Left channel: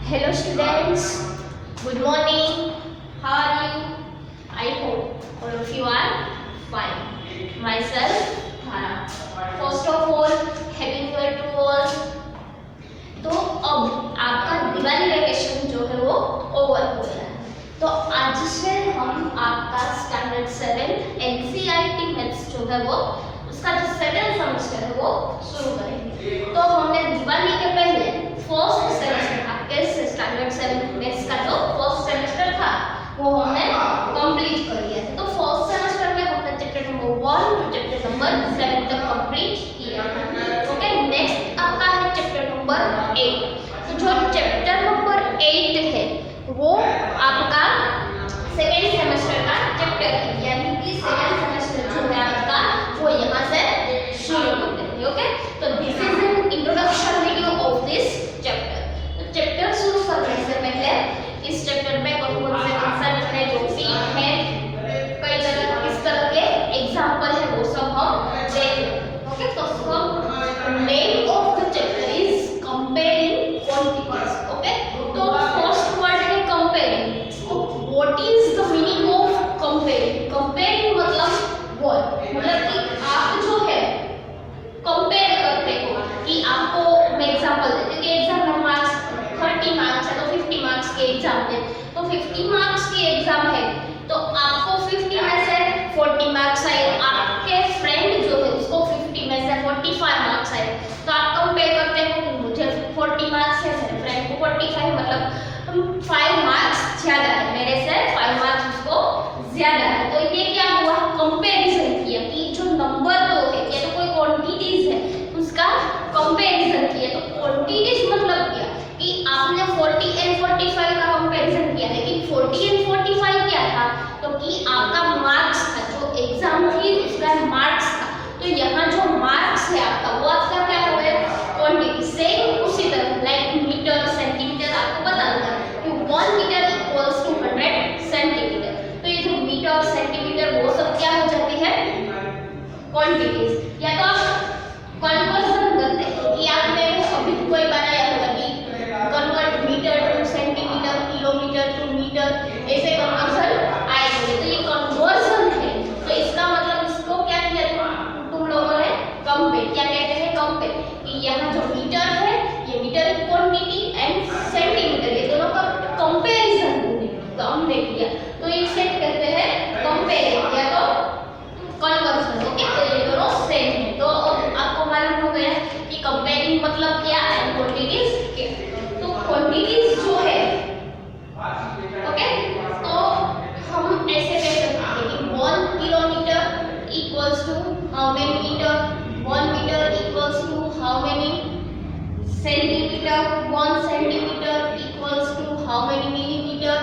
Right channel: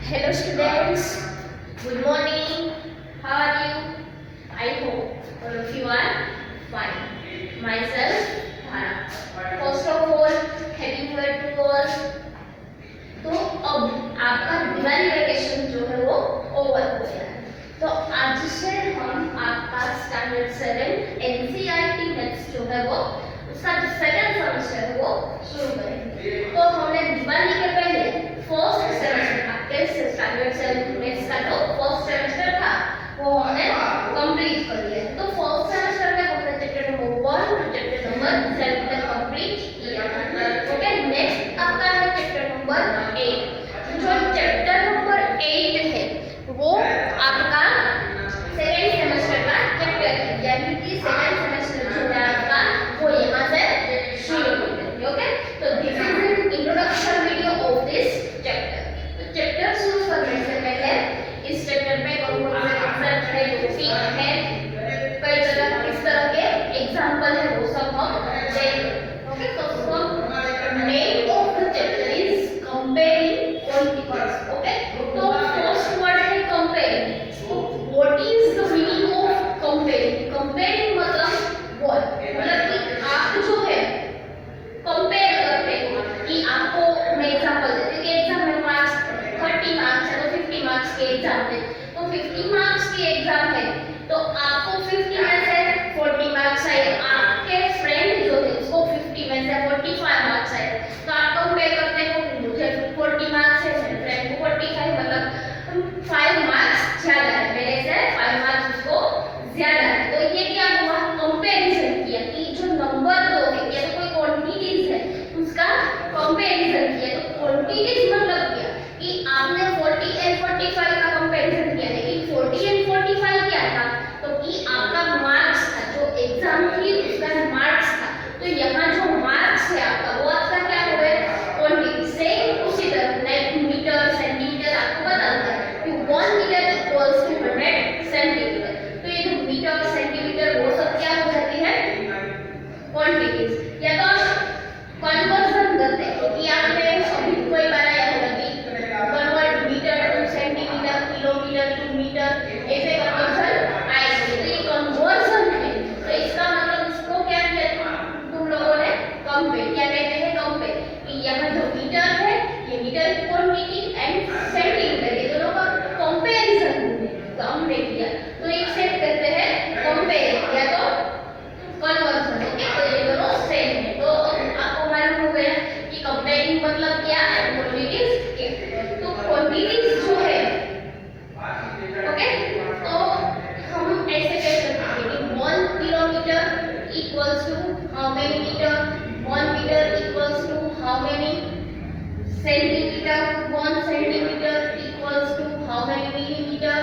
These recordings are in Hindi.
Hello students, good morning. How are you? I hope all of you are fine. Myself, Dhara. First of all, happy New Year to all. तो अब आपका दिवाली वेकेशन जो है वो ओवर हो गया है। तो आज से हम आपका स्टैंडर्ड 7 एनसीईआरटी मैथ्स जो है वो उसका जो सेकंड सेमेस्टर है वो शुरू करेंगे। तो हमने दिवाली के पहले फर्स्ट सेमेस्टर आपके स्टैंडर्ड 7 मैथ्स का जो फर्स्ट सेमेस्टर था वो हमने कंप्लीट कर लिया है। तो फर्स्ट सेमेस्टर में हमने chapter number 1 to chapter number 7 तक कंप्लीट किया है। ओके, नेक्स्ट आपका है चैप्टर नंबर 8। जो चैप्टर नंबर 8 है वो आपका सेकंड सेमेस्टर का चैप्टर है, यानी कि सेकंड सेमेस्टर जो है आपका वो यहाँ से शुरू होते हैं। ओके, तो this is an introduction video of this chapter. तो चैप्टर शुरू करने से पहले इस चैप्टर में कौन से कंसेप्ट है जो फील है, कई जगह किस तरह के एग्जांपल है वो सब हम देखेंगे। ओके, तो सब name of the chapter is comparing quantities. Okay, तो फर्स्ट वर्ड है comparing. What is the meaning of comparing? Comparing मतलब व्हाट, मतलब कि आप जो है कंपेयर करते हो कि आपको मैं एग्जांपल देती हूँ कि एग्जाम में मार्क्स 30 मार्क्स है तो 50 मार्क्स के एग्जाम है, तो 50 मार्क्स की एग्जाम है तो आपको 50 में से 40 मार्क्स आए, आपके फ्रेंड जो है उसको 50 में से 45 मार्क्स आए, तो आप कंपेयर करते हो मुझे 40 मार्क्स है, मेरे फ्रेंड को 45, मतलब 5 मार्क्स ज्यादा है मेरे से, 5 मार्क्स उसको ज्यादा है। तो ये क्या हुआ, कंपैरिजन किया कि जो नंबर दो है या तो कोई क्वांटिटीज है उसका कंपैरिजन किया। तो क्वांटिटीज मतलब क्या कि आपने 40 एंड 45 का कंपैरिजन किया, लेकिन 40 एंड 45 क्या था, तो कि आपका मार्क्स था, जो एग्जाम थी उसका मार्क्स था। तो यहाँ जो मार्क्स है आपका वो आपका क्या हो गया, क्वांटिटी। सेम उसी तरह लाइक मीटर सेंटीमीटर आपको बता दें कि 1 मीटर इक्वल्स टू 100 सेंटीमीटर। तो ये जो मीटर सेंटीमीटर वो सब क्या हो जाती है, क्वांटिटीज। या तो आप कन्वर्जन करते हैं कि आपने अभी कोई बनाया होगा कि convert metre to centimetre, kilometre to metre, ऐसे कन्वर्जन आएगा। तो ये कन्वर्जन है, तो इसका मतलब इसको क्या किया तुम लोगों ने, कंपेयर। क्या कहते हैं, कंपेयर, कि यहाँ जो मीटर है ये मीटर की क्वांटिटी एंड सेंटीमीटर ये दोनों का कंपैरिजन हमने किया, तो एक से कहते हैं कंपेयर या तो कन्वर्जन। ओके, तो ये दोनों सेम है। तो आपको मालूम हो गया कि कंपेयरिंग मतलब क्या है, क्वांटिटीज क्या। तो क्वांटिटीज जो है ओके, तो हम ऐसे कह सकते हैं कि 1 kilometre equals to how many metre, 1 metre equals to how many centimetre, 1 centimetre equals to how many millimetre,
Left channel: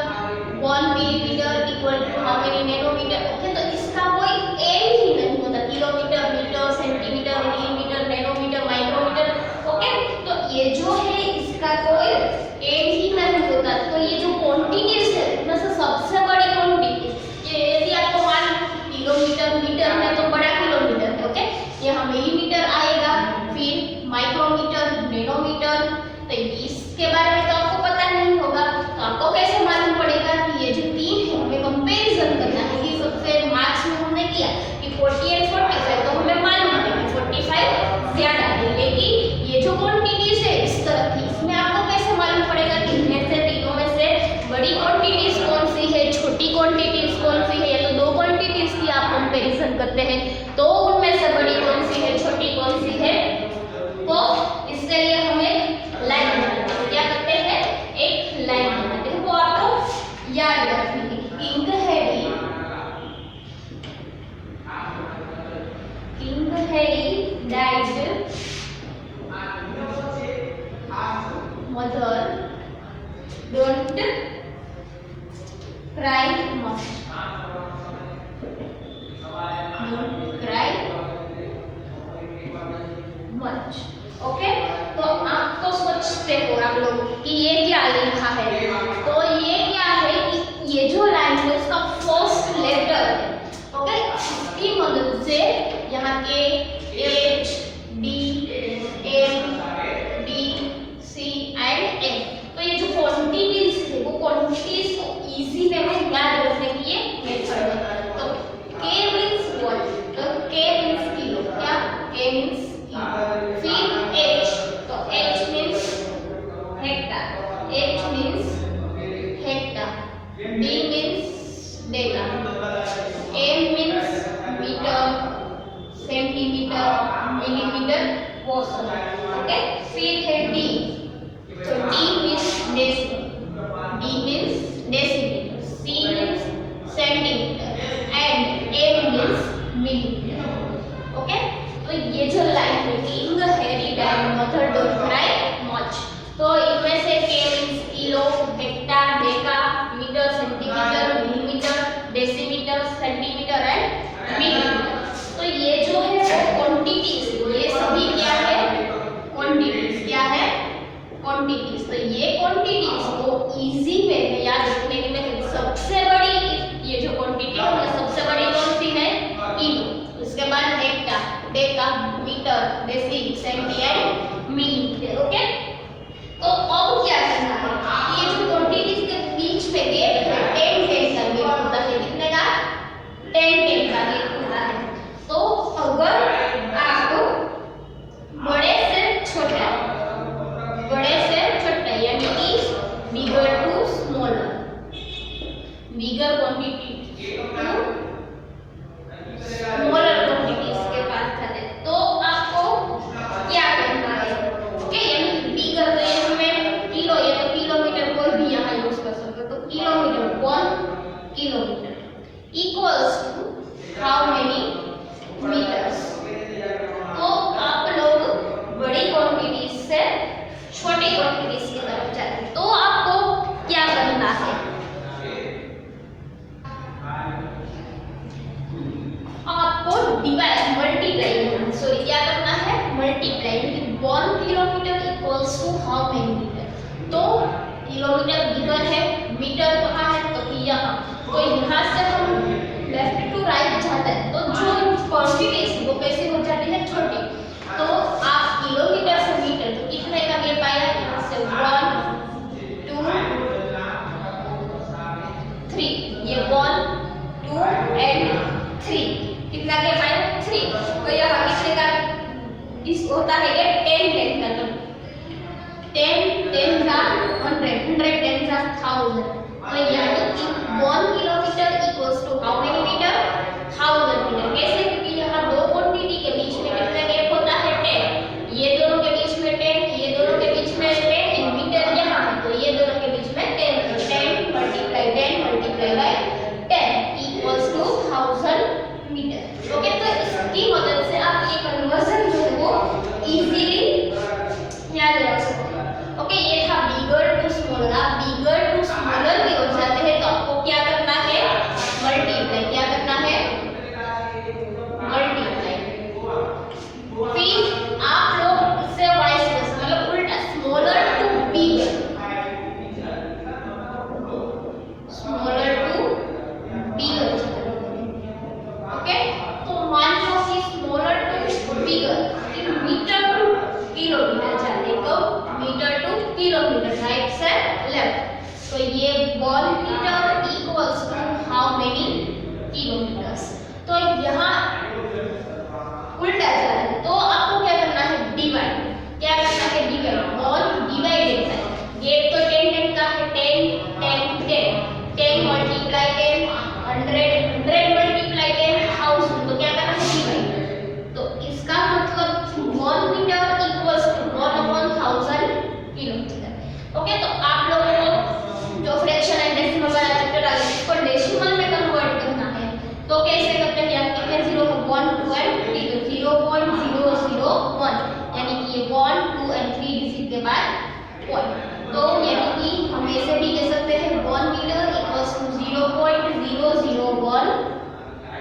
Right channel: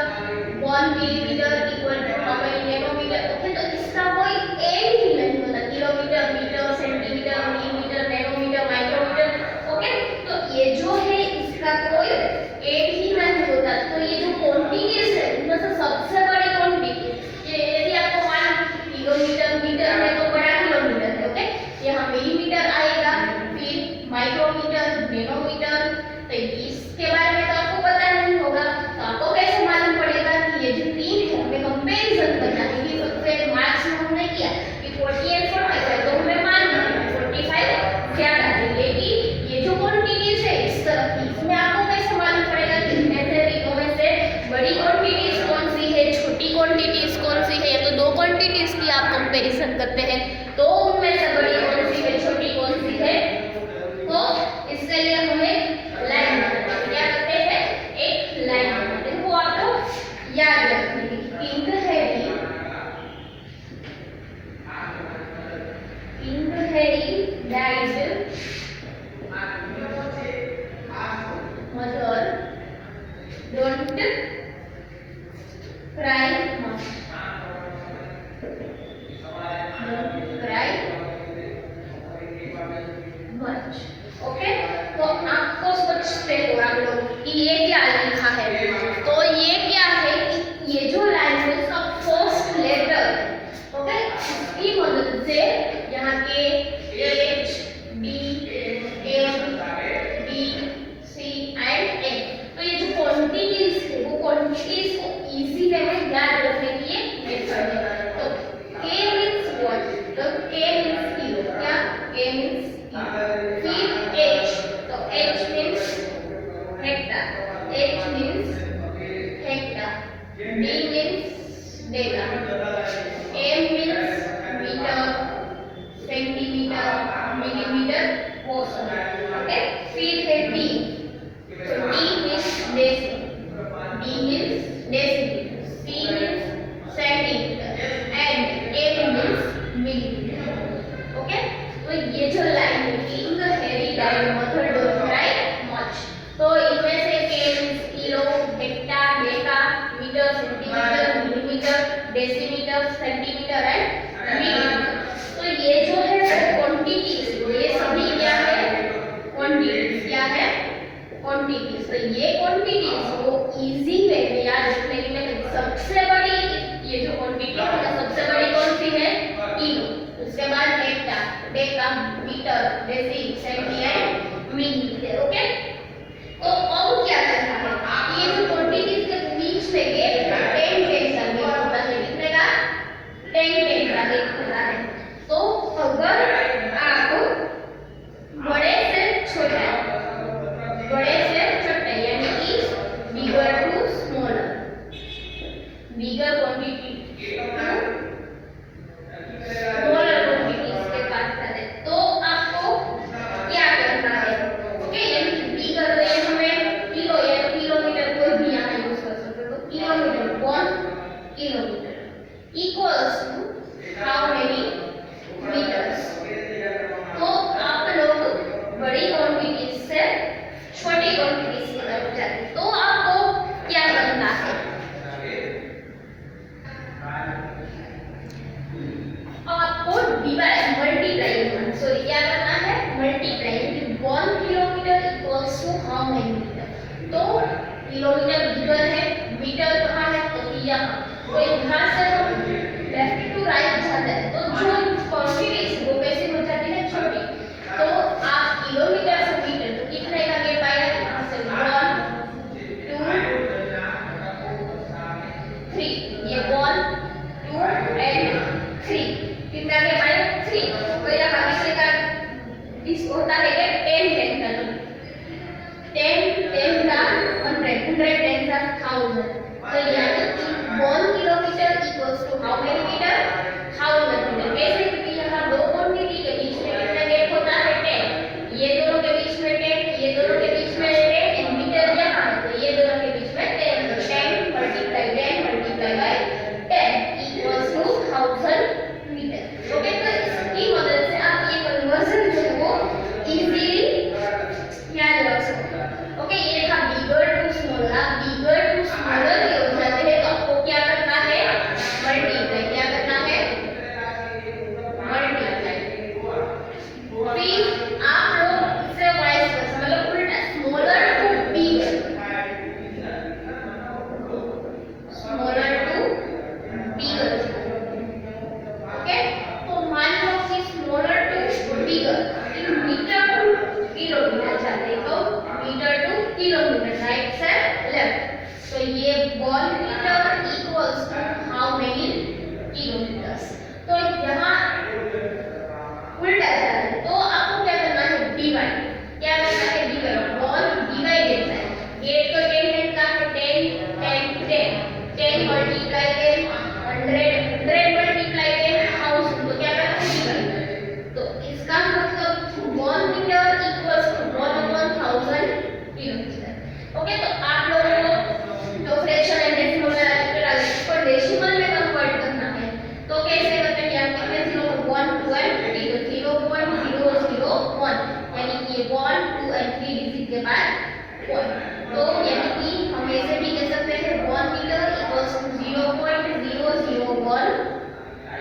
1 millimetre equal to how many nanometre. Okay, तो इसका कोई एंड ही नहीं होता, kilometre, metre, centimetre, millimetre, nanometre, micrometre. Okay, तो ये जो है इसका कोई एंड ही नहीं होता। तो ये जो क्वांटिटीज है उनमें से सबसे बड़ी क्वांटिटी ये, यदि आपको मालूम किलोमीटर, मीटर में तो बड़ा किलोमीटर है। ओके, यहाँ मिलीमीटर आएगा, फिर माइक्रोमीटर, नैनोमीटर। तो इसके बारे में तो आपको पता नहीं होगा, तो आपको कैसे मालूम पड़ेगा कि ये जो तीन है हमें कंपैरिजन करना है। कि सबसे मार्क्स में हमने किया कि 40 एंड 45, तो हमें मालूम है कि 45 ज्यादा है, लेकिन ये जो क्वांटिटीज है इस तरह की, इसमें आपको कैसे मालूम पड़ेगा कि इनमें से तीनों में से बड़ी क्वांटिटीज कौन सी है, छोटी क्वांटिटीज कौन सी है। तो दो क्वांटिटीज की आप कंपैरिजन करते हैं तो उनमें से बड़ी कौन सी है, छोटी कौन सी है। तो इसके लिए हमें लाइन बनाते हैं, क्या करते हैं, एक लाइन बनाते हैं। वो आपको याद रखनी है कि in the Heidi died mother, don't cry much, don't cry much। Okay, तो आपको सोचते हो आप लोग कि ये क्या लिखा है, तो ये क्या है कि ये जो लाइन है उसका फर्स्ट लेटर है। ओके, इसकी मदद से यहाँ के H, D, M, D, C and N, तो ये जो hecta. H means hecta. D means deca. M means meter, centimeter, millimeter, portion. Okay. फिर है D. तो D means deci. D means decimeter. C means centimeter. And M means millimeter. Okay. तो ये जो line making Harry diagram method don't write much. तो इनमें से K means kilo, hecto, deca, metre, centimetre, millimetre, decimetre, centimetre and millimetre. तो ये जो है क्वांटिटीज, ये सभी क्या है? क्वांटिटीज. क्या है? क्वांटिटीज. तो ये क्वांटिटीज को इजी वे में याद रखने के लिए सबसे बड़ी ये जो क्वांटिटी है सबसे बड़ी कौन सी है? किलो. उसके बाद hecto, deca, metre, deci, centi and millimetre. Okay. तो अब क्या करना है? ये जो क्वांटिटीज के बीच में गैप है 10 का गैप होता है. कितने का? 10 का गैप होता है. तो अगर आप बड़े से छोटा यानी कि bigger to smaller, bigger quantity smaller quantities के पास जाते हैं तो आपको क्या करना है? ओके. यानी बिगर तो यहाँ में किलो या तो किलोमीटर कोई भी यहाँ यूज कर सकते हो. तो kilometre 1 kilometre equals to how many metres. तो आप लोग बड़ी क्वांटिटीज से छोटी क्वांटिटीज की तरफ जाते हैं. तो आपको क्या करना है? आपको डिवाइड मल्टीप्लाई करना. सो क्या करना है? Multiply. 1 kilometre equals to how many metre. तो किलोमीटर बिगर है, मीटर कहाँ है? तो यहाँ. तो यहाँ से हम लेफ्ट टू राइट जाते हैं तो जो क्वांटिटीज वो कैसे हो जाती है? छोटी. तो आप किलोमीटर से मीटर तो कितने का गैप आया? यहाँ से 1 2 3. ये 1 2 एंड 3. कितना गैप आया? 3. तो यहाँ कितने का इस होता है? 10 का. तो 10 का 100 10 का 1000. तो यानी कि 1 kilometre equals to how many metre? 1000 metre. कैसे? क्योंकि यहाँ दो क्वांटिटी के बीच में कितना गैप होता है? 10. ये दोनों के बीच में 10, ये दोनों के बीच में 10 एंड मीटर यहाँ है तो ये दोनों के बीच में 10. तो 10 multiply by 10 equals to 1000 metre. Okay. तो इसकी मदद से आप ये कन्वर्जन जो है वो इजीली याद रख सकते हो. ओके. ये था बिगर टू स्मॉलर. आप बिगर टू स्मॉलर की ओर जाते हैं तो आपको क्या करना है? मल्टीप्लाई. क्या करना है? मल्टीप्लाई. फिर आप लोग इससे वाइस वर्सा मतलब उल्टा smaller to bigger, smaller to bigger. Okay. तो मान लो कि smaller to bigger metre to kilometre जाते हैं. तो मीटर टू किलोमीटर राइट से लेफ्ट. तो ये 1 metre equals to how many kilometres. तो यहाँ उल्टा जा रहा है तो आपको क्या करना है? डिवाइड. क्या करना है? डिवाइड. 1 डिवाइडेड बाय ये तो 10 का है 10 मल्टीप्लाई 10 100 मल्टीप्लाई 10 1000. तो क्या करना है? डिवाइड. तो इसका मतलब 1 metre equals to 1/1000 kilometre. Okay. तो आप लोगों को जो फ्रैक्शन एंड डेसिमल वाला चैप्टर आ गया इसको डेसिमल में कन्वर्ट करना है. तो कैसे करते हैं? यहाँ कितने जीरो है? 1 2 एंड 3. तो 0.001 यानी कि ये 1 2 एंड 3 डिजिट के बाद 1. तो यानी कि हम ऐसे भी कह सकते हैं 1 मीटर इक्वल्स टू 0.001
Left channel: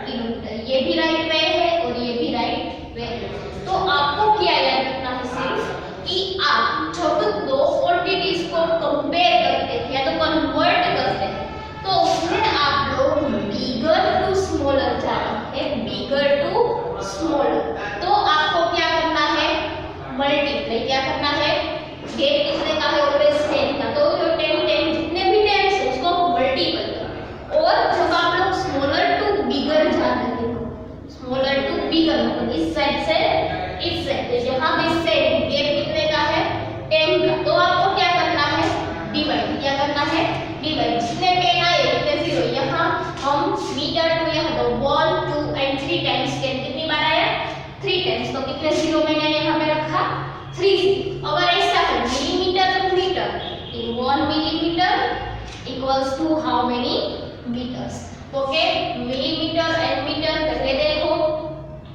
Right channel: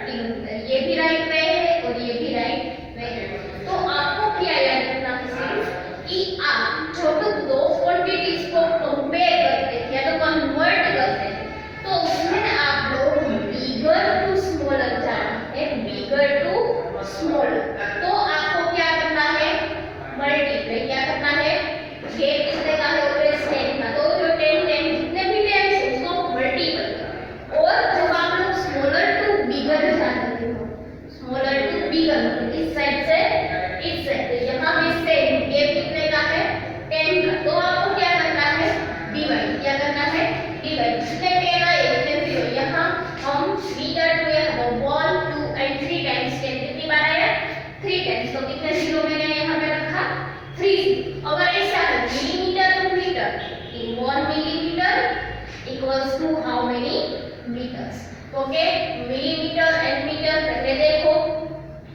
किलोमीटर. ये भी राइट वे है और ये भी राइट वे है. तो आपको क्या याद रखना है? सिर्फ कि आप जब दो क्वांटिटीज को कंपेयर करते हैं या तो कन्वर्ट करते हैं तो उसमें आप लोग बिगर टू स्मॉलर जाना है. बिगर टू स्मॉलर. तो आपको क्या करना है? मल्टीप्लाई. क्या करना है? गैप कितने का है? ऑलवेज 10 का. तो जो 10 जितने भी 10 है उसको मल्टीपल करो. और जब आप लोग स्मॉलर टू बिगर जाते हो how many metres. Okay, millimetre and metre पहले देखो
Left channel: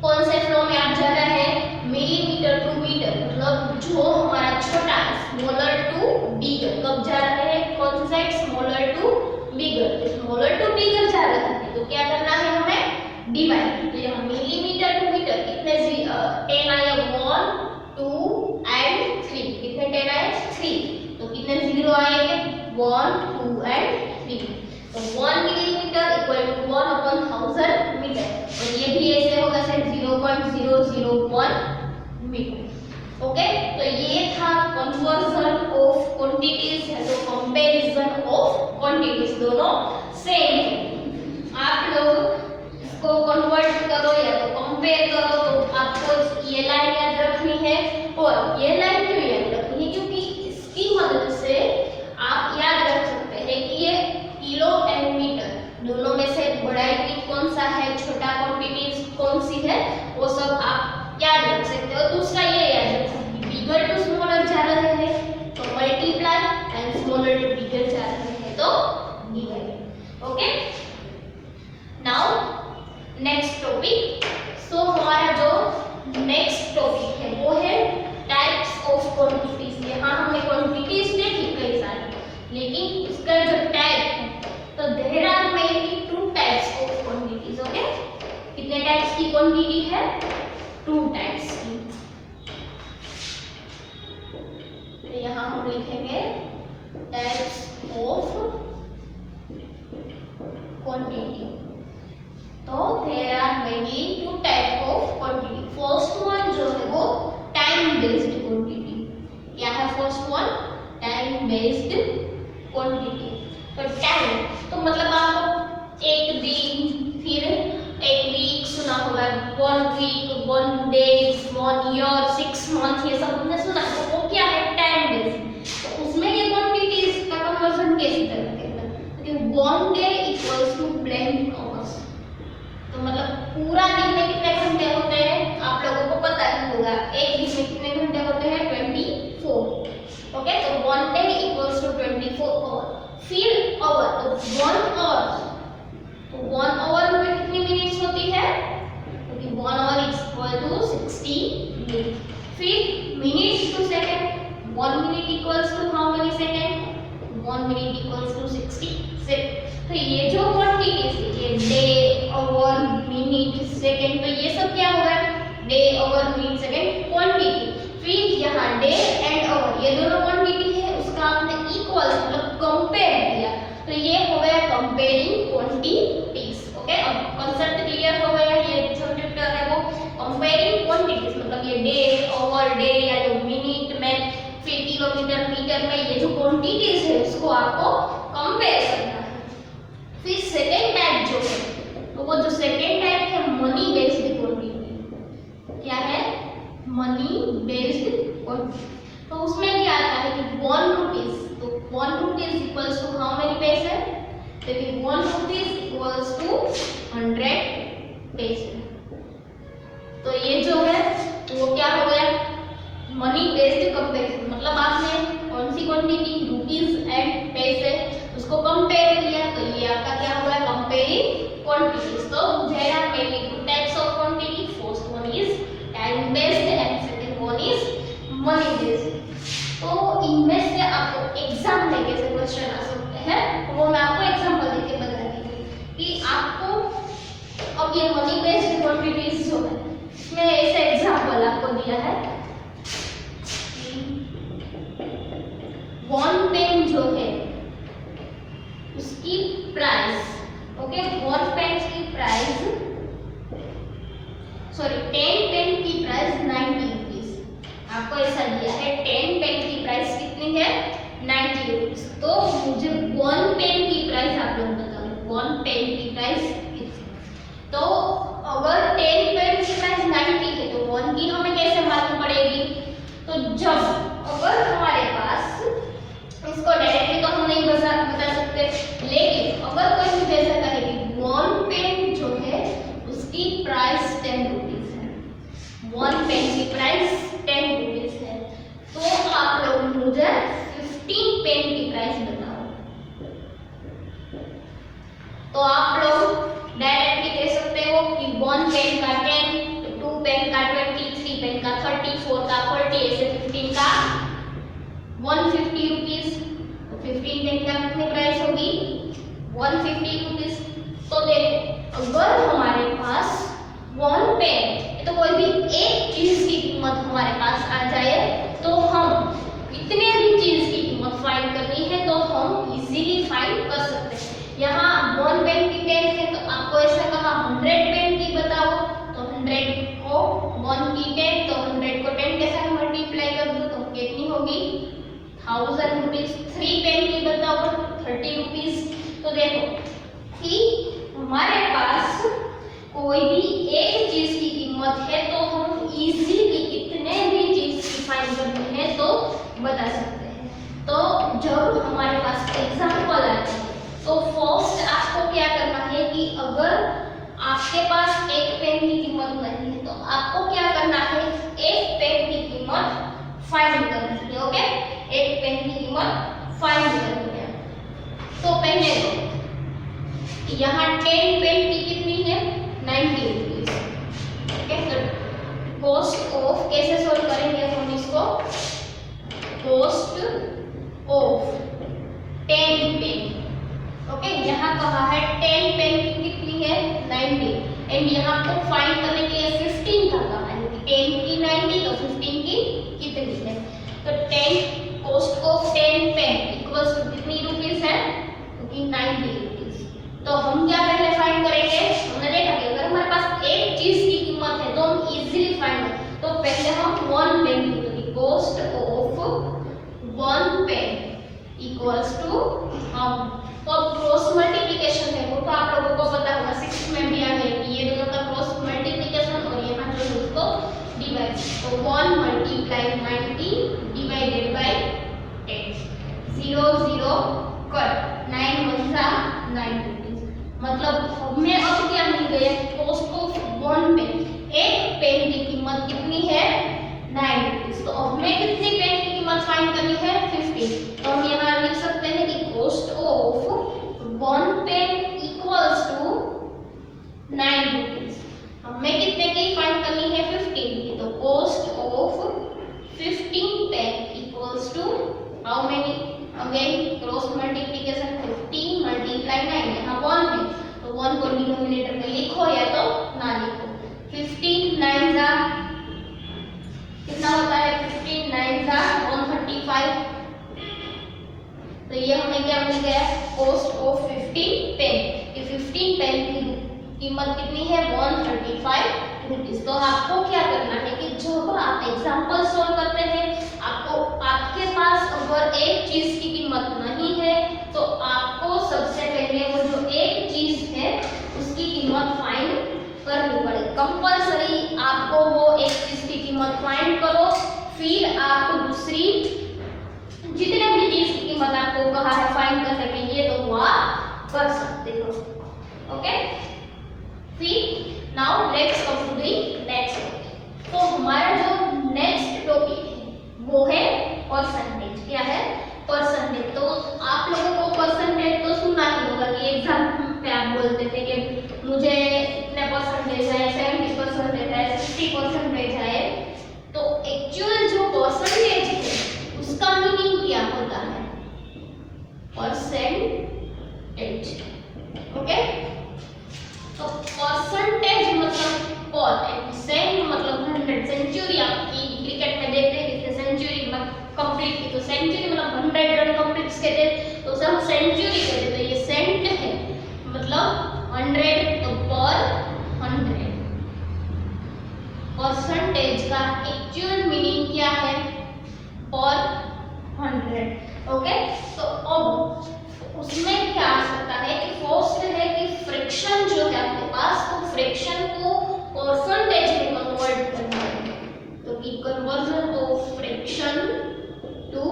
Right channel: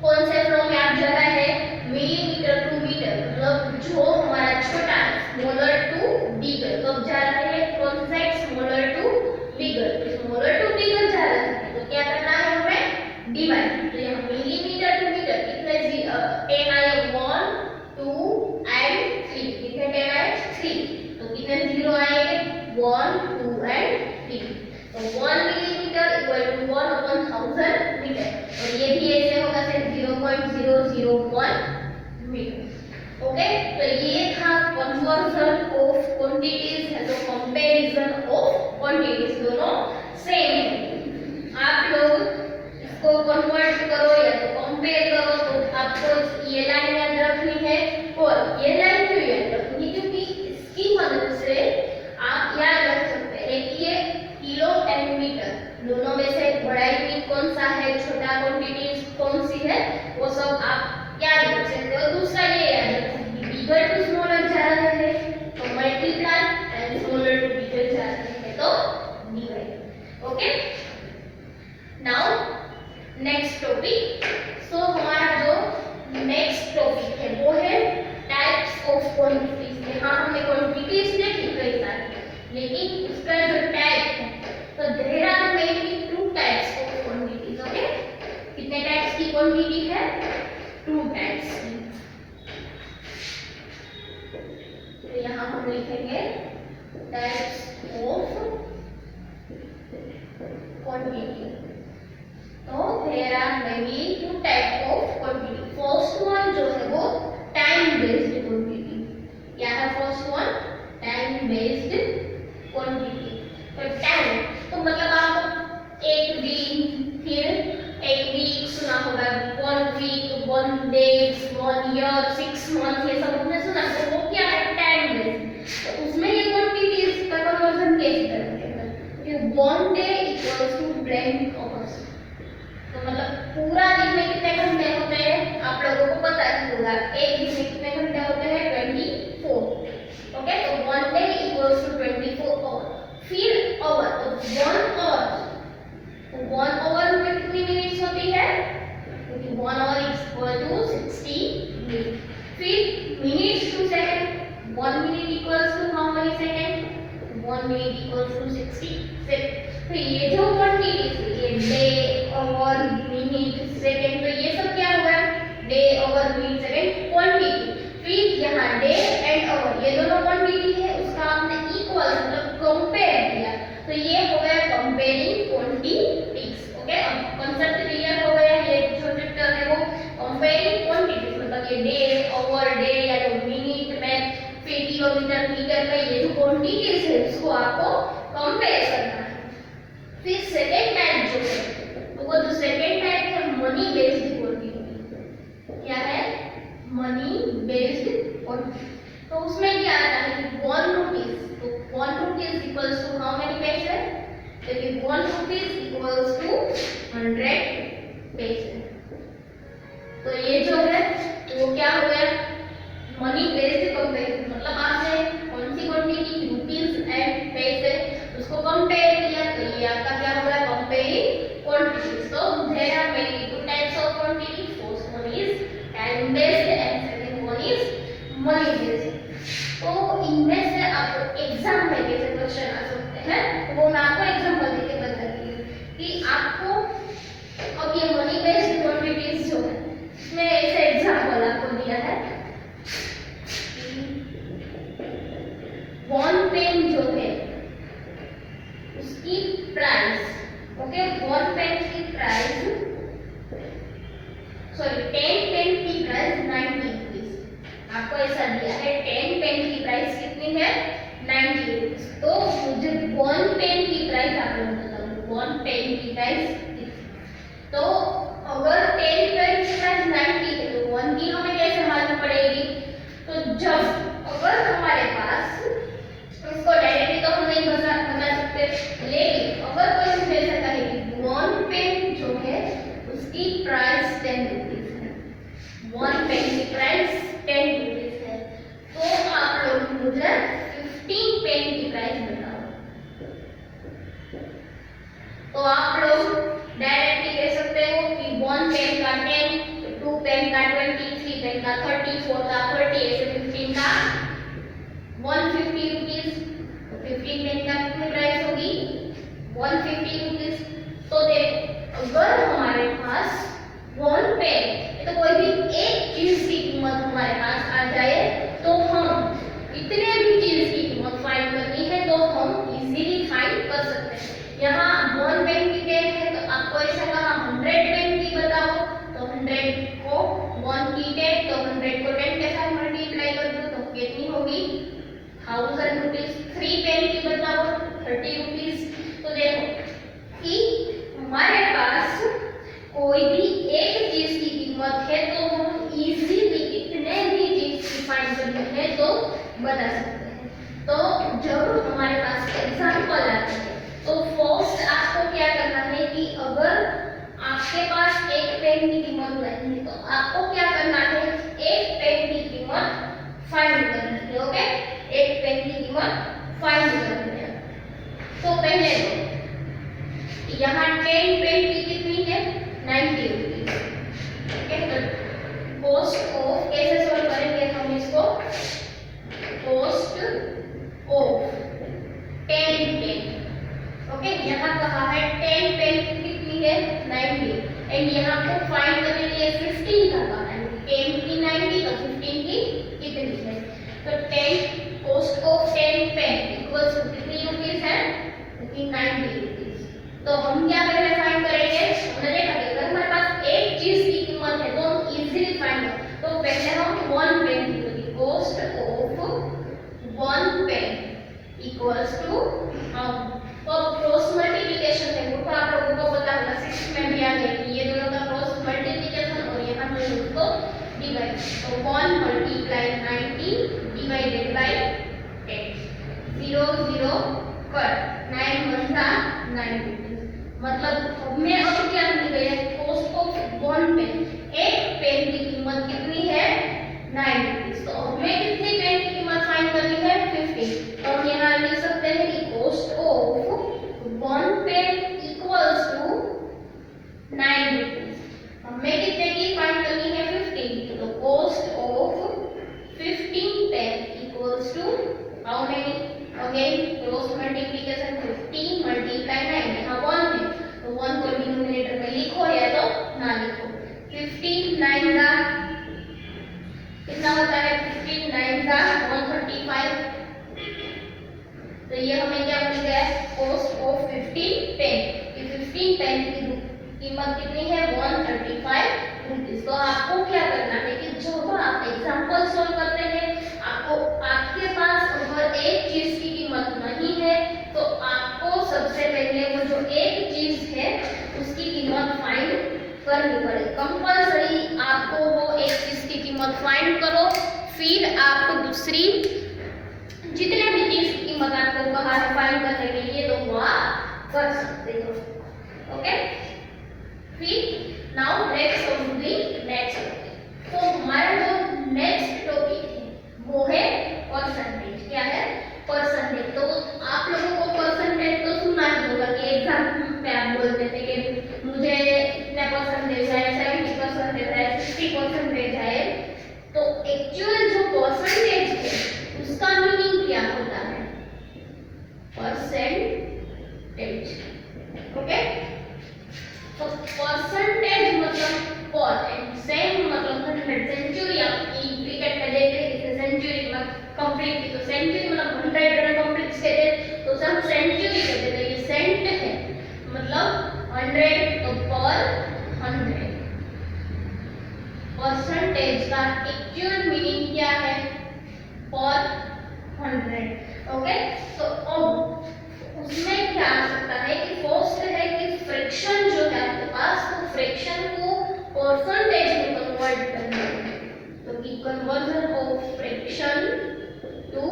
कौन से फ्लो में आप जा रहे हैं, मिलीमीटर टू मीटर, मतलब जो हमारा छोटा स्मॉलर टू बिगर, कब जा रहे हैं कौन सी side, smaller to bigger, smaller to bigger जा रहे हैं तो क्या करना है हमें, डिवाइड। तो यहाँ मिलीमीटर टू मीटर कितने 10 आए, 1 2 एंड 3, कितने 10 आए 3, तो कितने 0 आएंगे 1 2 एंड 3, तो 1 millimetre equal to 1 upon 1000 metre, और ये भी ऐसे होगा सिर्फ 0.001 मीटर। ओके, तो ये था कन्वर्जन ऑफ क्वांटिटीज है, तो कंपैरिजन ऑफ क्वांटिटीज दोनों सेम है। आप लोग इसको कन्वर्ट करो या तो कंपेयर करो, तो आपको ये लाइन याद रखनी है, और ये लाइन क्यों याद रखनी है, क्योंकि इसकी मदद से आप याद रख सकते हैं कि ये किलो एंड मीटर दोनों में से बड़ा यूनिट कौन सा है, छोटा क्वांटिटीज कौन सी है, वो सब आप याद रख सकते हो। दूसरा ये याद रख सकते हैं बिगर टू स्मॉलर जा रहे हैं तो multiply, and smaller to bigger जा रहे हैं तो divide. Okay, now next topic. So हमारा जो नेक्स्ट टॉपिक है वो है टाइप्स ऑफ क्वांटिटीज। यहाँ हमने क्वांटिटीज देखी कई सारी, लेकिन उसका जो टाइप है, तो there are mainly 2 types of quantities. Okay, कितने टाइप्स की क्वांटिटी है, 2 टाइप्स की। तो यहाँ हम लिखेंगे टाइप्स ऑफ क्वांटिटी। तो there are mainly 2 type of quantity. First one जो है वो टाइम बेस्ड क्वांटिटी। क्या है first one, time based quantity. तो टाइम तो मतलब आप एक दिन, फिर एक वीक सुना होगा, 1 वीक, 1 डेज, 1 ईयर, 6 मंथ, ये सब हमने सुना, तो वो क्या है टाइम बेस्ड। तो उसमें ये क्वांटिटीज का कन्वर्जन कैसे करते हैं, क्योंकि 1 day equals to blank hours, तो मतलब पूरा दिन में कितने घंटे होते हैं आप लोगों को पता ही होगा, एक दिन में कितने घंटे होते हैं 24। ओके, तो 1 डे इक्वल्स टू 24 आवर। फिर आवर, तो 1 आवर, तो 1 आवर में कितनी मिनट्स होती है, क्योंकि 1 आवर इक्वल टू 60 मिनट। फिर minutes to second, 1 minute equals to how many second, 1 minute equals to 60 second. तो ये जो क्वांटिटीज है, ये डे, आवर, मिनट, सेकंड, तो ये सब क्या होगा, day, hour, minute, second quantity. फिर यहाँ डे एंड आवर ये दोनों क्वांटिटी है, उसका हमने इक्वल मतलब कंपेयर किया, तो ये हो गया कंपेयरिंग क्वांटिटीज। ओके, अब कांसेप्ट क्लियर हो गया, ये जो चैप्टर है वो कंपेयरिंग क्वांटिटीज, मतलब ये डे, आवर, डे या तो मिनट में, फिर किलोमीटर, मीटर में, ये जो क्वांटिटीज है उसको आपको कंपेयर करना है। फिर सेकंड टाइप जो है, तो वो जो सेकंड टाइप है मनी बेस्ड क्वांटिटी। क्या है, मनी बेस्ड क्वांटिटी। तो उसमें क्या आता है कि 1 रुपीज, तो 1 rupees equals to how many पैसे, तो फिर 1 रुपीज इक्वल्स टू 100 पैसे। तो ये जो है तो वो क्या हो गया, मनी बेस्ड कंपैरिजन, मतलब आपने कौन सी क्वांटिटी, रुपीज एंड पैसे, उसको कंपेयर किया, तो ये आपका क्या हो गया, कंपेयरिंग क्वांटिटीज। तो there are mainly 2 types of quantity, first one is time based and second one is money based. तो इनमें से आपको एग्जाम में कैसे क्वेश्चन आ सकते हैं, तो वो मैं आपको एग्जांपल देके बता रही हूँ कि आपको अब ये मनी बेस्ड क्वांटिटीज जो है इसमें ऐसे एग्जांपल आपको दिया है, 1 पेन जो है उसकी प्राइस, ओके, 1 पेन की प्राइस, सॉरी 10 पेन की प्राइस 90 रुपीज। आपको ऐसा दिया है 10 पेन की प्राइस कितनी है 90 रुपीज। तो मुझे 1 पेन की प्राइस आप लोग बताओ, 1 पेन की प्राइस कितनी। तो अगर 10 पेन की प्राइस 90 है तो 1 की हमें कैसे मालूम पड़ेगी, तो जब अगर हमारे पास, इसको डायरेक्टली तो हम नहीं बता सकते, लेकिन अगर कोई मुझे ऐसा कहे कि 1 पेन जो है उसकी प्राइस 10 रुपीज है, 1 पेन की प्राइस 10 रुपीज है, तो आप लोग मुझे 15 पेन की प्राइस बताओ। 30, 4 का 40, ऐसे 15 का 150 रुपीज। 15 पेन का कितनी प्राइस होगी 150 रुपीज। तो देखो अगर हमारे पास वन पेन तो कोई भी एक चीज की कीमत हमारे पास आ जाए तो हम इतने भी चीज की कीमत फाइंड करनी है तो हम इजीली फाइंड कर सकते हैं। यहाँ वन पेन की पेन है तो आपको ऐसा कहा 100 पेन की बताओ, तो 100 को 1 की पेन, तो 100 को 10 के साथ मल्टीप्लाई कर दो तो कितनी होगी 1000 रुपीज। 3 पेन की बताओ 30 रुपीज। तो देखो कि हमारे पास कोई भी एक चीज की कीमत है तो हम इजीली कितने भी चीज की फाइंड करनी है तो बता सकते हैं। तो जब हमारे पास एग्जांपल आते हैं तो फर्स्ट आपको क्या करना है कि अगर आपके पास एक पेन की कीमत नहीं है तो आपको क्या करना है एक पेन की कीमत फाइंड करनी है। ओके, एक पेन की कीमत फाइंड करनी है। तो पहले तो यहाँ 10 पेन की कितनी है 90 रुपीज। कॉस्ट ऑफ कैसे सोल्व करेंगे हम इसको, कॉस्ट ऑफ 10 पेन। ओके, यहाँ कहा है 10 पेन की कितनी है 90 एंड यहाँ को फाइंड करने के लिए 15 का कहा है। 10 की 90 तो 15 की कितनी है, तो 10 cost of 10 pen equals to कितनी रुपीस है क्योंकि 90 रुपीस। तो हम क्या पहले फाइंड करेंगे, हमने देखा कि अगर हमारे पास एक चीज की कीमत है तो हम इजीली फाइंड करें। तो पहले हम 1 पेन की cost of 1 pen equals to हम तो क्रॉस मल्टीप्लिकेशन है वो तो आप लोगों को पता होगा 6 में भी आ गया कि ये दोनों का क्रॉस मल्टीप्लिकेशन और यहाँ जो है उसको डिवाइड। तो 1 मल्टीप्लाई 90 डिवाइडेड बाय 10, 0 0 कट 9 1 जा 9 मतलब हमें अब क्या मिल गया कॉस्ट ऑफ 1 पेन। एक पेन की कीमत कितनी है 9 रुपीस। तो हमें कितनी पेन की कीमत फाइंड करनी है 15। तो हम यहाँ लिख सकते हैं कि cost of 1 pen equals to 9 rupees. हमें कितने की फाइंड करनी है 15 की। तो cost of 15 pen equals to how many, again cross multiplication 15 multiply 9, यहाँ 1 है तो 1 को डिनोमिनेटर में लिखो या तो ना लिखो। 15 9 जा कितना होता है 15 9 जा 135। तो ये हमें क्या मिल गया कॉस्ट ऑफ 15 पेन। कि 15 पेन की कीमत कितनी है 135 रुपीस। तो आपको क्या करना है कि जब आप एग्जांपल सॉल्व करते हैं आपको आपके पास अगर एक चीज की कीमत नहीं है तो आपको सबसे पहले वो जो एक चीज है उसकी कीमत फाइंड करनी पड़ेगी। कंपल्सरी आपको वो एक चीज की कीमत फाइंड करो, फिर आप दूसरी जितने भी चीज की कीमत आपको कहा है फाइंड करने के लिए तो वो आप कर सकते हो। ओके, फिर now let's come to the next. तो हमारा जो नेक्स्ट टॉपिक है वो है परसेंटेज। क्या है परसेंटेज। तो आप लोगों को परसेंटेज तो सुना ही होगा कि एग्जाम पे आप बोलते थे कि मुझे इतने परसेंटेज है 70% है 60% है। तो एक्चुअल जो परसेंटेज है उसका मीनिंग क्या होता है परसेंटेज। ओके, तो परसेंटेज मतलब पर एंड सेंट मतलब 100। सेंचुरी आपकी क्रिकेट में देखते हैं कि सेंचुरी में कंप्लीट की तो सेंचुरी मतलब 100 रन कंप्लीट कहते हैं तो सब सेंचुरी कहते हैं। ये सेंट है मतलब 100 तो पर 100। परसेंटेज का एक्चुअल मीनिंग क्या है पर 100। ओके, तो अब उसमें क्या आ सकता है कि फर्स्ट है कि फ्रैक्शन जो है आपके पास तो फ्रैक्शन को परसेंटेज में कन्वर्ट करना है। तो कि conversion of fraction to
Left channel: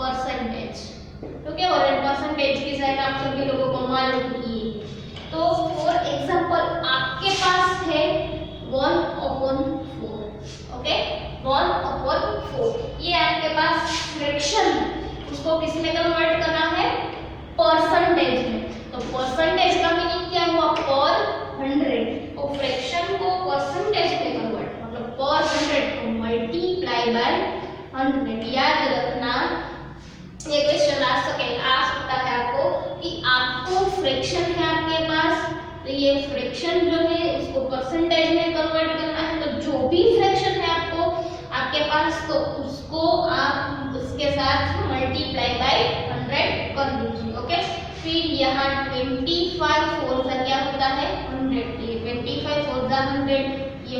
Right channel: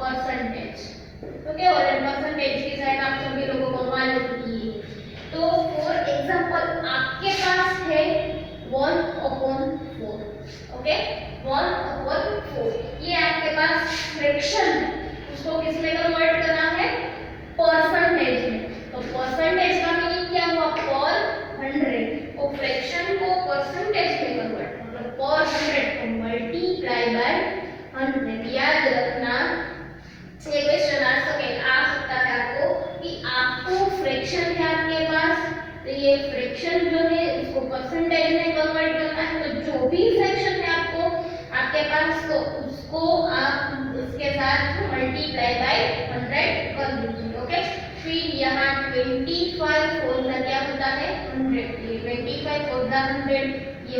percentage. Okay, और परसेंटेज की साइड आप सभी लोगों को मालूम ही है। तो फॉर एग्जांपल आपके पास है 1/4। ओके, 1/4 ये आपके पास फ्रैक्शन है, उसको किस में कन्वर्ट करना है परसेंटेज में। तो परसेंटेज का मीनिंग क्या हुआ पर 100। तो फ्रैक्शन को परसेंटेज में कन्वर्ट मतलब पर 100 फ्रैक्शन है आपके पास, तो ये फ्रैक्शन जो है उसको परसेंटेज में कन्वर्ट करना है। तो जो भी फ्रैक्शन है आपको आपके पास, तो उसको आप उसके साथ मल्टीप्लाई बाय 100 कर दीजिए। ओके, फिर यहाँ 25 4 का क्या होता है 100, ये 25 4 का 100, ये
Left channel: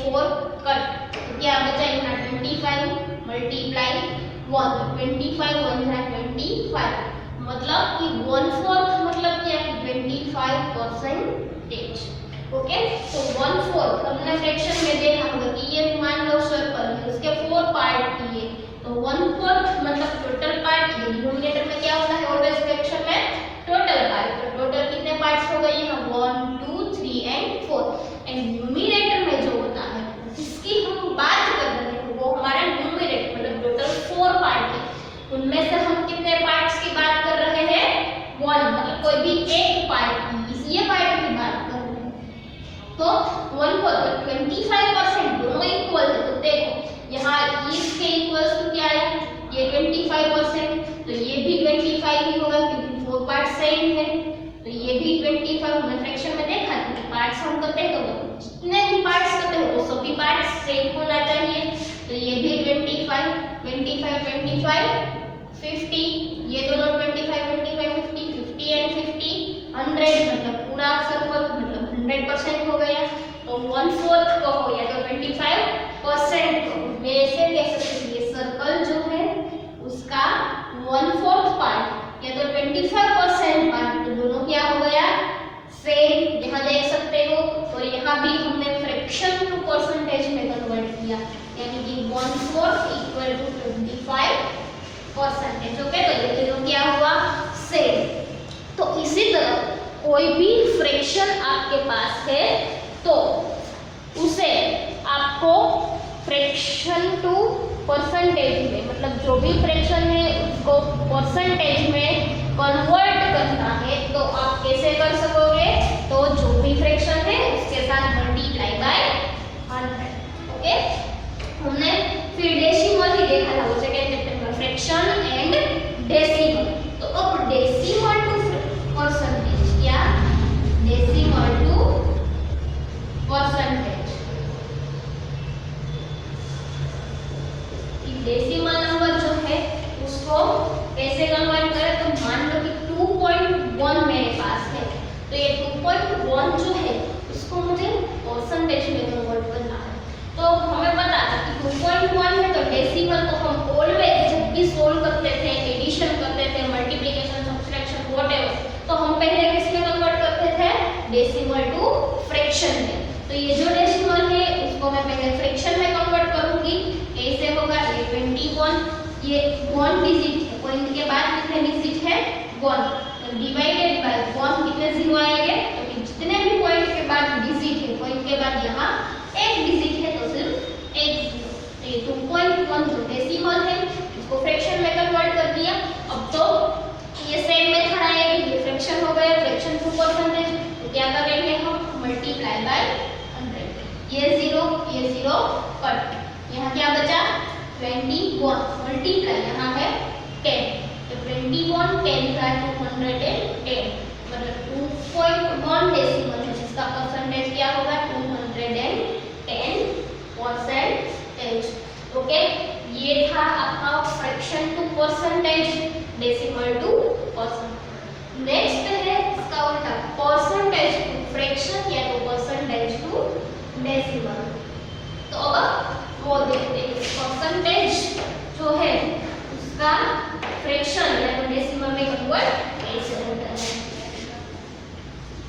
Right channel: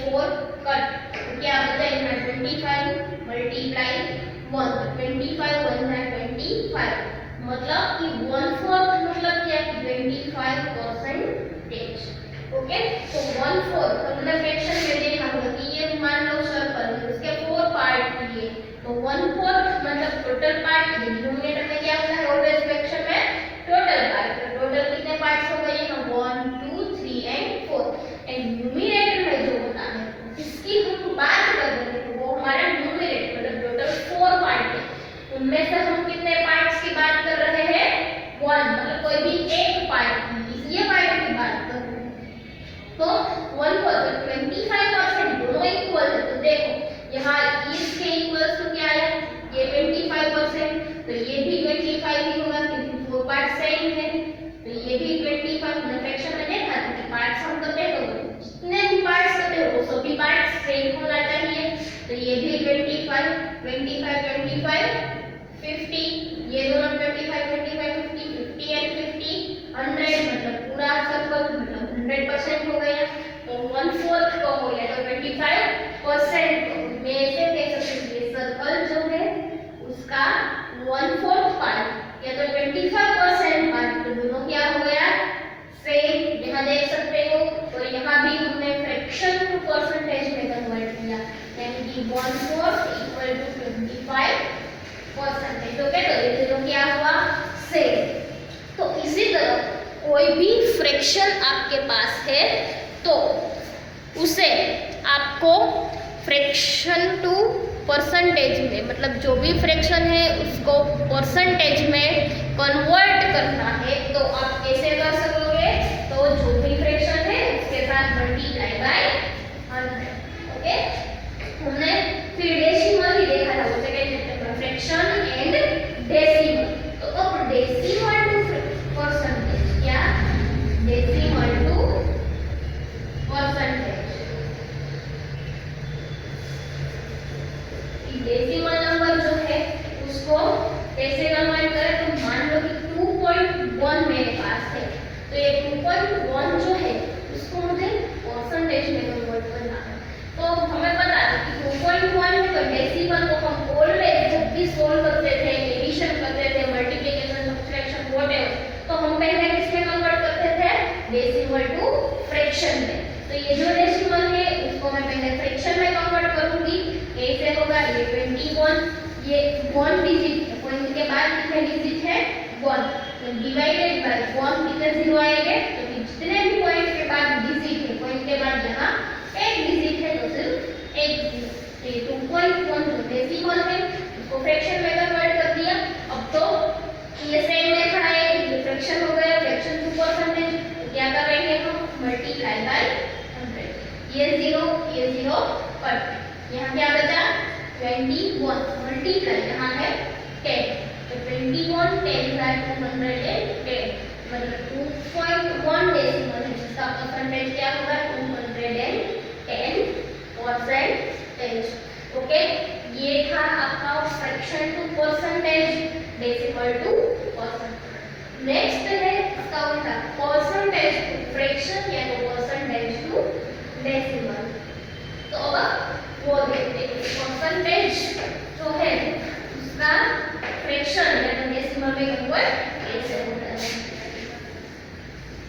4 कट, तो क्या बचा यहाँ 25 मल्टीप्लाई 1, 25 1 का 25, मतलब कि 1/4 मतलब क्या 25%। ओके, तो 1/4 हमने फ्रैक्शन में देखा होगा कि ये मान लो सर्कल है, उसके 4 पार्ट किए, तो 1/4 मतलब टोटल पार्ट। ये डिनोमिनेटर में क्या होता है ऑलवेज फ्रैक्शन में टोटल पार्ट, तो टोटल कितने पार्ट्स हो गए यहाँ 1 2 3 एंड 4, एंड न्यूमरेटर में जो होता है जिसकी हम बात कर रहे हैं वो हमारा न्यूमरेटर मतलब टोटल 4 पार्ट है, उनमें से हम कितने पार्ट्स की बात कर रहे हैं 1, मतलब कोई भी एक पार्ट की, ये पार्ट की बात कर रहे हैं। तो 1/4 25% दोनों इक्वल है, तो देखो यहाँ इसके इक्वल्स टू क्या है ये 25%, तो ये भी 25 ही होगा क्योंकि 4 पार्ट सेम है, तो ये भी 25। हमने फ्रैक्शन में देखा था कि पार्ट्स हम करते हैं तो जितने भी पार्ट्स करते हैं वो सभी पार्ट्स सेम होना चाहिए, तो ये भी 25 50, ये दोनों 25 50 50 एंड 50 100, मतलब पूरा सर्कल मतलब 100% हो गया, तो 1/4 को हो गया तो 25% को मैं ऐसे कह सकती हूँ ये सर्कल जो है उसका 1/4 पार्ट या तो 25% पार्ट, तो दोनों क्या हो गया सेम, यहाँ देख सकते हो। तो यहाँ भी हमने फ्रैक्शन टू परसेंटेज में कन्वर्ट किया, यानी कि 1/4 इक्वल टू 25%। ओके, तो ये दोनों क्या हुआ सेम। तो इसी तरह कोई भी फ्रैक्शन आपके पास है तो उसे आपको फ्रैक्शन टू परसेंटेज में, मतलब जो भी फ्रैक्शन है उसको परसेंटेज में कन्वर्ट करना है, तो आप कैसे कर सकोगे, तो जो भी फ्रैक्शन है उसके साथ मल्टीप्लाई बाय 100। ओके, हमने फिर डेसिमल ही देखा था सेकंड चैप्टर में, फ्रैक्शन एंड डेसिमल। तो अब डेसिमल टू परसेंटेज, क्या decimal to percentage, decimal number जो है उसको कैसे कन्वर्ट करें, तो मान लो कि 2.1 मेरे पास है, तो ये 2.1 जो है उसको मुझे परसेंटेज में कन्वर्ट करना है। तो हमें पता है कि 2.1 है तो डेसिमल को हम ऑलवेज जब भी सोल्व करते थे, एडिशन करते थे, मल्टीप्लिकेशन सब्ट्रैक्शन व्हाटएवर, तो हम पहले किसमें कन्वर्ट करते थे डेसिमल टू फ्रैक्शन में। तो ये जो डेसिमल है उसको मैं पहले फ्रैक्शन में कन्वर्ट करूंगी, कैसे होगा ये 21, ये 1 डिजिट है, पॉइंट के बाद कितने डिजिट है 1, तो डिवाइडेड बाय 1 कितने जीरो आएंगे, तो जितने भी पॉइंट के बाद डिजिट है, पॉइंट के बाद यहाँ एक डिजिट है तो सिर्फ एक जीरो, तो ये 2.1 जो डेसिमल है उसको फ्रैक्शन में कन्वर्ट कर दिया। अब तो ये सेम मेथड आएगी, ये फ्रैक्शन हो गया फ्रैक्शन टू परसेंटेज, तो क्या कर रहे हैं हम मल्टीप्लाई बाय 100, ये जीरो कट, यहाँ क्या बचा 21 मल्टीप्लाई यहाँ है 10, तो 21 10 बाय 210, मतलब 2.1 डेसिमल है जिसका परसेंटेज क्या होगा 210%। ओके, ये था आपका fraction to percentage, decimal to percentage. Next है इसका उल्टा परसेंटेज टू फ्रैक्शन या तो परसेंटेज टू डेसिमल। तो अब वो देखते हैं परसेंटेज जो है उसका फ्रैक्शन या तो डेसिमल में कन्वर्ट कैसे होता है,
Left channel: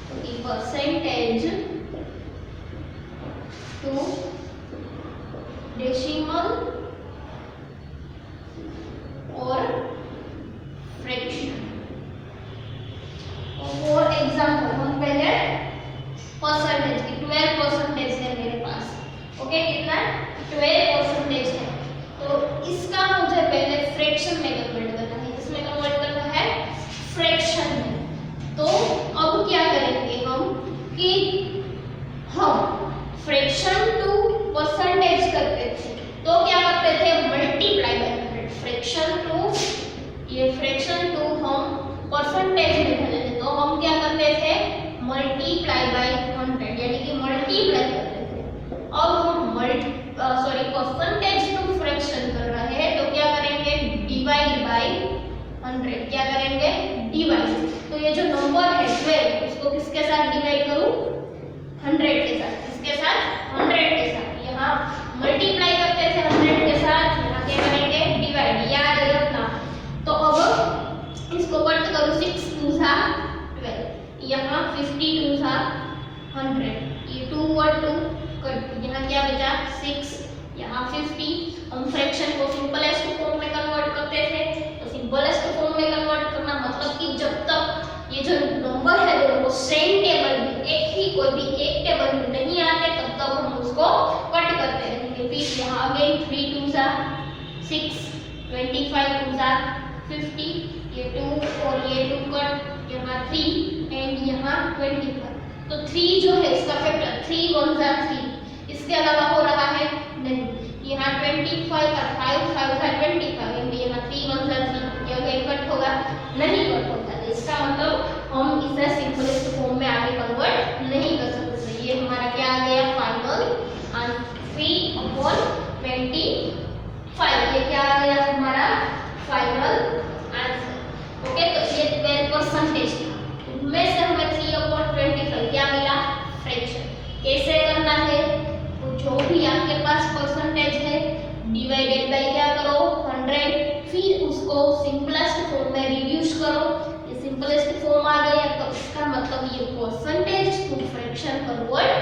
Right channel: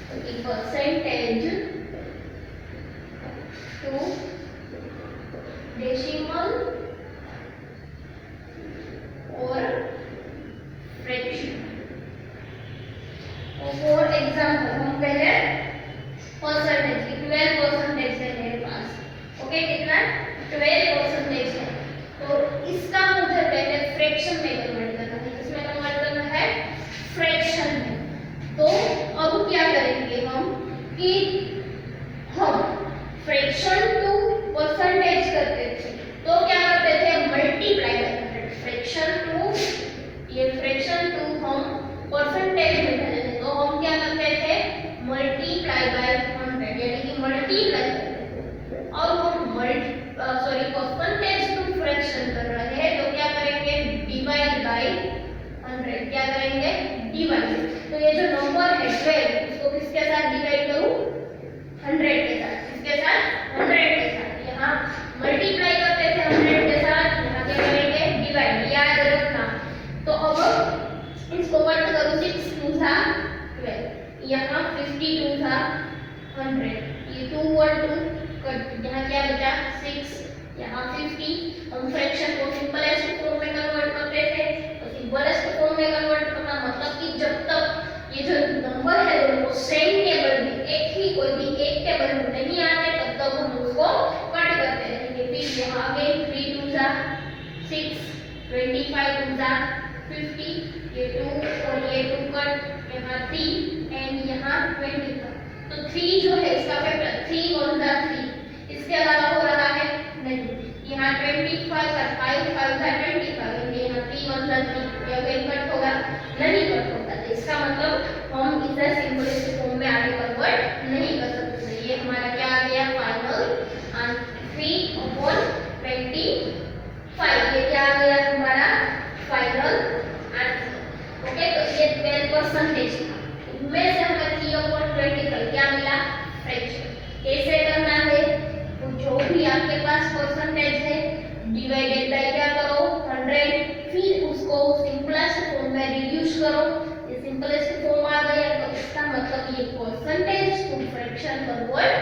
तो परसेंटेज टू डेसिमल और फ्रैक्शन। फॉर एग्जांपल हम पहले परसेंटेज की 12% है मेरे पास, ओके कितना 12% है, तो इसका मुझे पहले फ्रैक्शन में क्या करेंगे, डिवाइड। तो ये जो नंबर है 12, इसको किसके साथ डिवाइड करूं, 100 के साथ। किसके साथ, 100 के साथ। यहाँ मल्टीप्लाई करते थे 100 के साथ, यहाँ क्या करेंगे, डिवाइड, याद रखना। तो अब इसको कट करूं, 6 2 12, यहाँ 50 2 100, ये 2 और 2 कट, यहाँ क्या बचा 6, यहाँ 50। हम फ्रैक्शन को सिंपलेस्ट फॉर्म में कन्वर्ट करते थे, तो सिंपलेस्ट फॉर्म में कन्वर्ट करना मतलब कि जब तक ये जो नंबर है दोनों सेम टेबल में, एक ही कोई भी एक टेबल में नहीं आते, तब तक हम उसको कट करते रहेंगे। फिर यहाँ अगेन 3 2 6, 25 2 50, ये 2 और ये 2 कट, यहाँ 3 एंड यहाँ 25। तो 3 जो है इसका फैक्टर 3 1 3, इसके अलावा हो रहा है नहीं। यहाँ 25 का 5 5 25, यहाँ 3 1 3, ये अगेन कट होगा नहीं, कट होगा। तो इसका मतलब हम इसे सिंपलेस्ट फॉर्म में आगे कन्वर्ट नहीं कर सकते। ये हमारा क्या आ गया, फाइनल आंसर 3/25। ये क्या आ गया हमारा फाइनल आंसर। ओके, तो ये 12% था, उनमें से हमें 3/25 क्या मिला, फ्रैक्शन। कैसे करना है, तो जो भी आपके पास परसेंटेज है डिवाइडेड बाय क्या करो, 100, फिर उसको सिंपलेस्ट फॉर्म में रिड्यूस करो। ये सिंपलेस्ट फॉर्म आ गया, तो इसका मतलब ये परसेंटेज टू फ्रैक्शन कन्वर्ट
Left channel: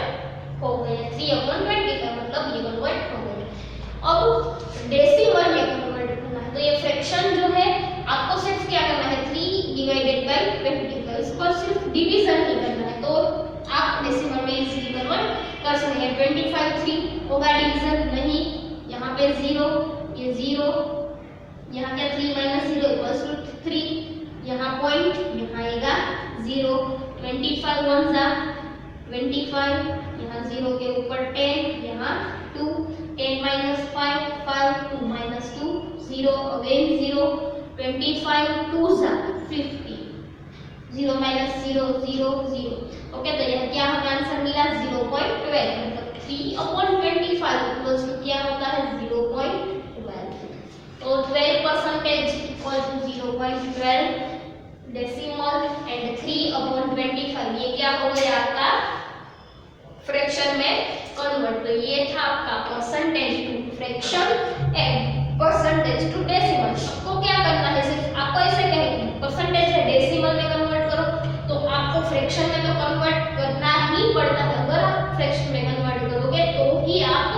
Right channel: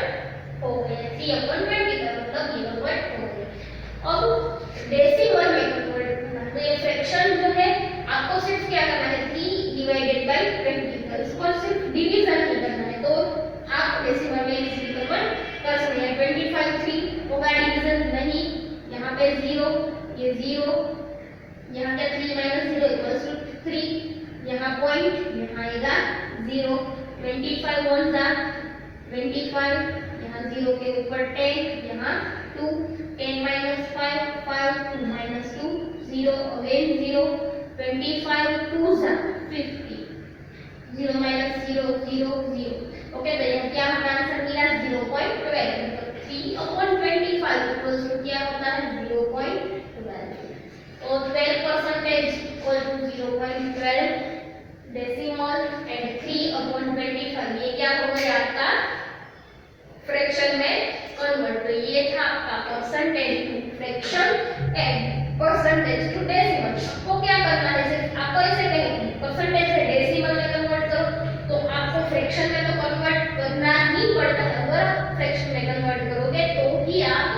हो गया। 3/20 का मतलब ये कन्वर्ट हो गया। अब डेसिमल में कन्वर्ट करना है, तो ये फ्रैक्शन जो है आपको सिर्फ क्या करना है, 3 डिवाइडेड बाय 20, इसको सिर्फ डिवीजन ही करना है, तो आप डेसिमल में इजीली कन्वर्ट कर सकते हैं। 25 3 होगा डिवीजन नहीं, यहाँ पे 0, ये 0, यहाँ क्या 3 - 0 = 3, यहाँ पॉइंट, यहाँ आएगा 0। 25 1 25, यहाँ 0 के ऊपर 10, यहाँ 2, 10 - 5 5, 2 - 2 0, अगेन 0। 25 2 50, 0 - 0 0 0। ओके, तो यह क्या हमारा आंसर मिला 0.12, मतलब 3/25 क्या होता है 0.12। तो 12% इक्वल टू 0.12 डेसिमल एंड 3/25, ये क्या हो गया आपका फ्रैक्शन में कन्वर्ट। तो ये था आपका percentage to fraction and percentage to decimal. आपको क्या करना है, सिर्फ आपको ऐसे कहेंगे परसेंटेज से डेसिमल में कन्वर्ट करो, तो आपको फ्रैक्शन में तो कन्वर्ट करना ही पड़ता है। अगर आप फ्रैक्शन में कन्वर्ट करोगे तो ही आप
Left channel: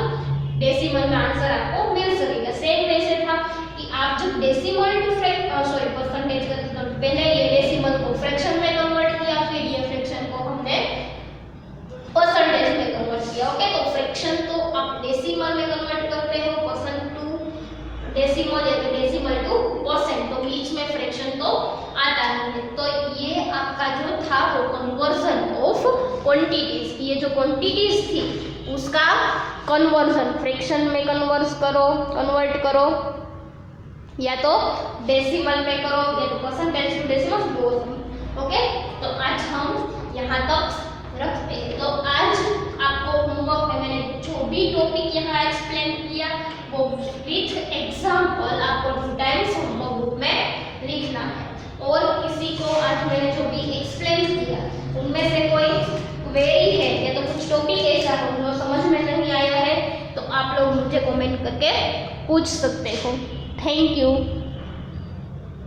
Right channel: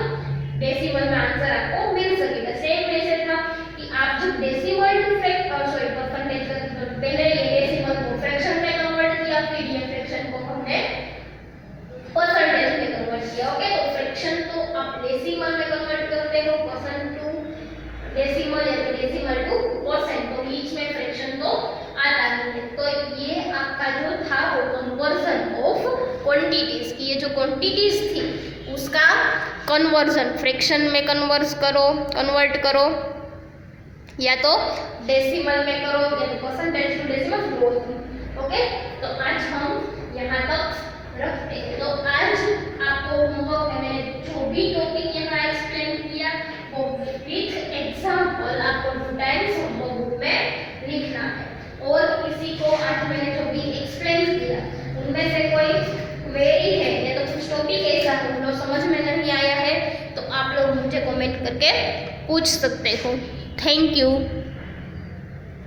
डेसिमल में आंसर आपको मिल सकेगा। सेम वैसे था कि आप जब डेसिमल टू परसेंटेज करते, तो पहले ये डेसिमल को फ्रैक्शन में कन्वर्ट किया, फिर ये फ्रैक्शन को हमने परसेंटेज में कन्वर्ट किया। ओके, तो फ्रैक्शन तो आप डेसिमल में कन्वर्ट करते हो, परसेंट टू डेसिमल या तो डेसिमल टू परसेंट, तो बीच में फ्रैक्शन तो आता नहीं है। तो ये आपका जो था वो कन्वर्जन ऑफ क्वांटिटीज, ये जो क्वांटिटीज थी उसका कन्वर्जन फ्रैक्शन में कन्वर्ट करो, या तो डेसिमल में करो, या तो percentage to decimal both. Okay, तो आज हम यहाँ तक रखते हैं। तो आज आपको होमवर्क में मैंने जो भी टॉपिक यहाँ एक्सप्लेन किया वो विथ एग्जांपल आपको 2 टाइम्स होमवर्क बुक में लिखना है। और किसी को आज मैंने जो भी एक्सप्लेन किया उनमें से कोई क्वेरी है या तो कुछ टॉपिक ऐसा हो जो समझ में नहीं आया है, तो आप लोग मुझे कमेंट करके पूछ सकते हो। Thank you.